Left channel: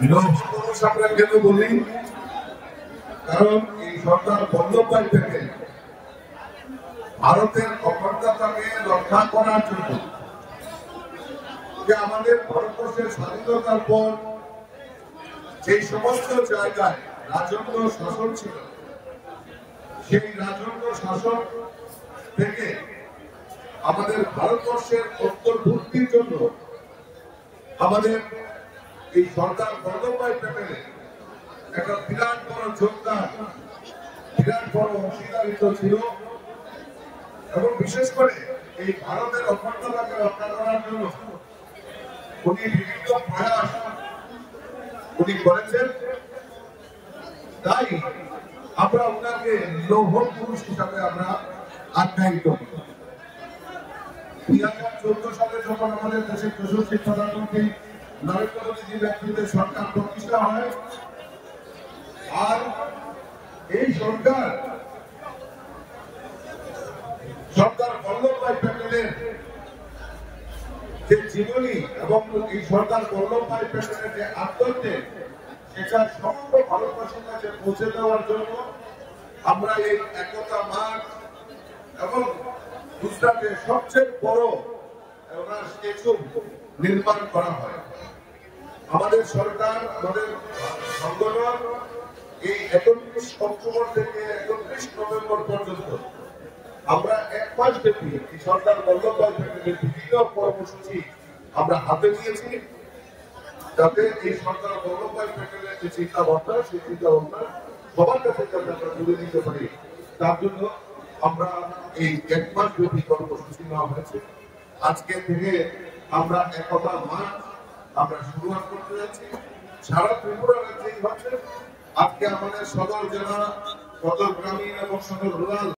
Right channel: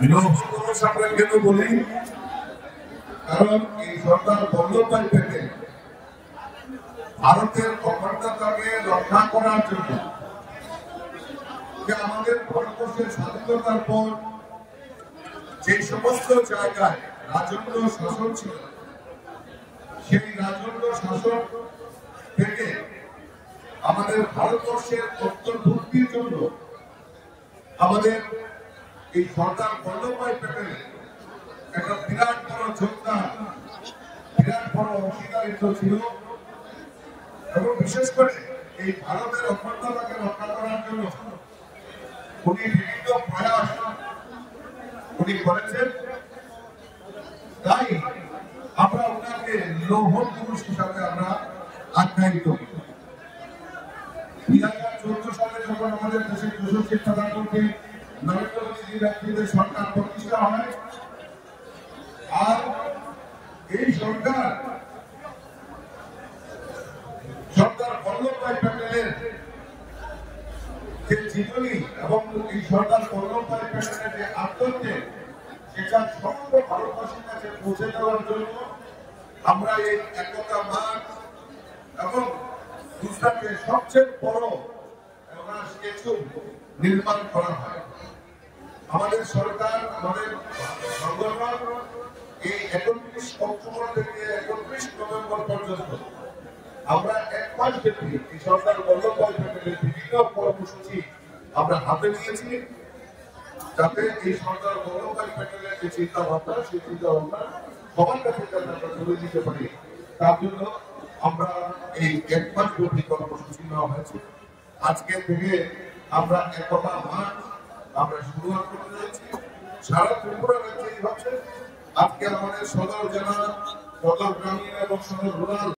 আমরা কেন বলি, কারণ এই সরকার বন্দ্যোপাধ্যায় থেকে ভারতের অখণ্ডতাকে রক্ষা করার জন্য, যে আমাদের ভারতবর্ষের স্বাধীনতার পর যে সমস্ত জায়গায় রাজন্য শাসন ছিল, সেই রাজন্য শাসন থেকে আমাদের ভারতবর্ষের অন্তর্ভুক্তির জন্য আমাদের এই সরকার বন্দ্যোপাধ্যায় প্যানেলে একটা বিরাট বড় যোগদান, বিরাট বড় অংশীদারিত্ব ছিল। এবং বিশেষ করে এই ভারতের অখণ্ডতাকে রক্ষা করার জন্য উনি বিভিন্ন প্রয়াস উনি করেছেন। তাই আমরা ওনাকে লৌহ পুরুষ হিসাবে আমরা আখ্যায়িত করি। 2014 সালে যখন আমাদের দেশের যশস্বী প্রধানমন্ত্রী নরেন্দ্র মোদীর নেতৃত্বে সরকার প্রতিষ্ঠা হয়, আর এই সরকার বল্লভভাই প্যাটেলের যে জীবনী এবং এই সরকার বল্লভভাই প্যাটেলের যে আত্মত্যাগ, সেটা সমগ্র ভারতবাসীর কাছে পৌঁছে দেওয়ার জন্য আমরা এই একতা মার্চ এবং গুজরাটের সবচেয়ে বড় স্ট্যাচু নির্মাণ করা হয়। আমাদের সরকার, আমাদের সংগঠন এই 31 অক্টোবর থেকে 31 নভেম্বর পর্যন্ত আমরা এক মাস ব্যাপী এই সরকার বন্দ্যোপাধ্যায় প্যানেলের বিভিন্ন কর্মসূচি আমরা হাতে নিয়েছি, যাতে এই সরকার বন্দ্যোপাধ্যায় প্যানেলের যে চিন্তা ভাবনা, সেই চিন্তা ভাবনা সবার কাছে যাতে তুলে দিতে পারি, তার জন্য আমরা এই এক মাস ব্যাপী কর্মসূচি নেওয়া হয়েছে। আজকে থেকে আমরা একতা মার্চ আমরা শুরুয়াত করতে যাচ্ছি। সারা ত্রিপুরা রাজ্যেই হচ্ছে। আজকে আমাদের সদর জেলা, সদর গ্রামীণ এবং সদর রুরাল